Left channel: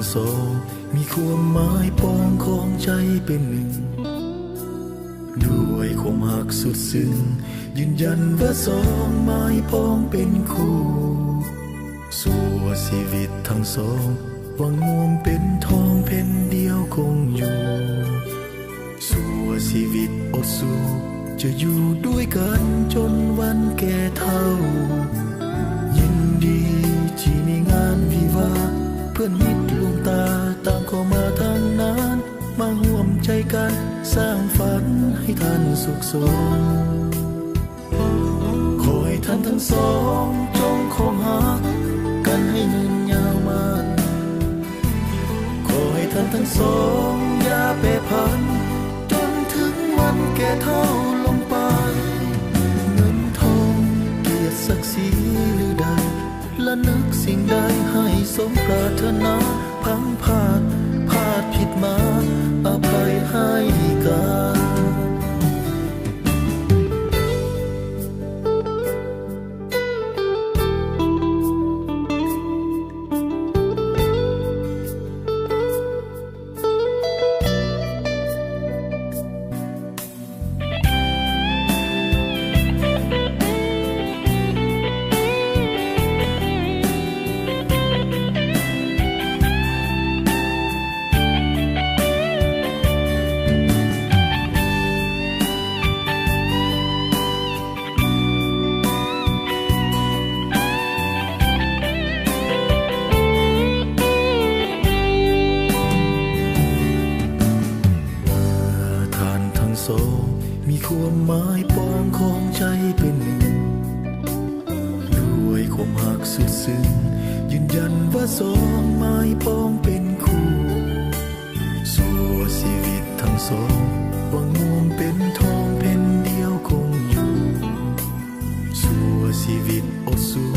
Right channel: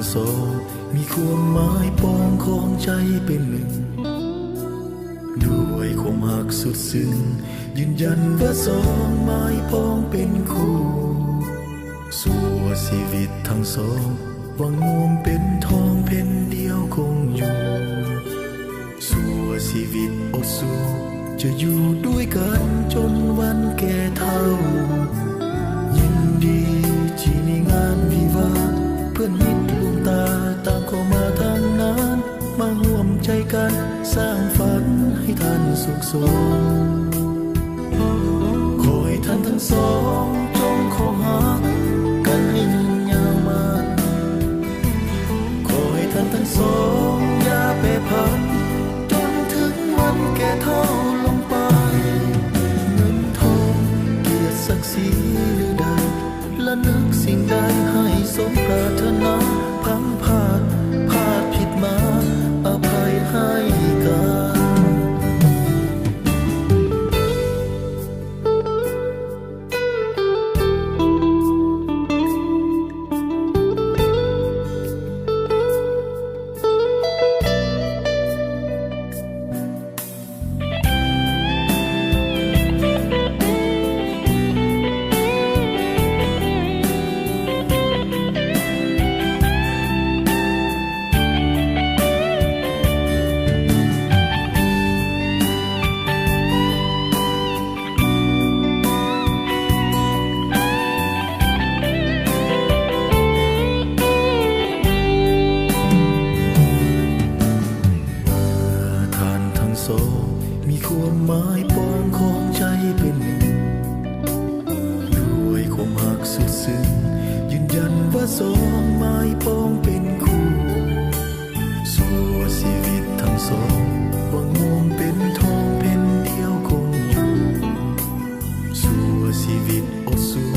งสองมีความหมายปองของใจเป็นหนึ่งด้วยความหักสุดซึ้งยืนยันว่าสองไม้ปองเป็นคู่สู่ชีวิตทั้งสองหวังงวมเป็นทองเพ็นเดียวคงอยู่สู่ชีวิตอดสู้จะอยู่ด้วยกันจนวันแก่เฒ่ายินดีที่มีงานวิวาห์เพื่อนมิตรดวงตาต่างเข้ามาทางนั้นมาร่วมใจกันสร้างฝันให้ท่านสุขสมขอให้ท่านทั้งสองจงคงหักกันให้ยืนยาวมาขอให้ท่านทั้งสองอย่าแปรผันจนถึงวันแก่เฒ่าลงไปเงินทองเกียรติศักดิ์ศรีหรือใดและนึกสิ่งใดให้สมปรารถนาพังพลาดผิดมาอภัยให้กันมีความหมายปองของใจเป็นหนึ่งด้วยความหักสุดซึ้งยืนยันว่าสองไม้ปองเป็นคู่สู่ชีวิตทั้งสองหวังงวมเป็นทองเพ็นเดียวคงอยู่สู่ชีวิตอดสู้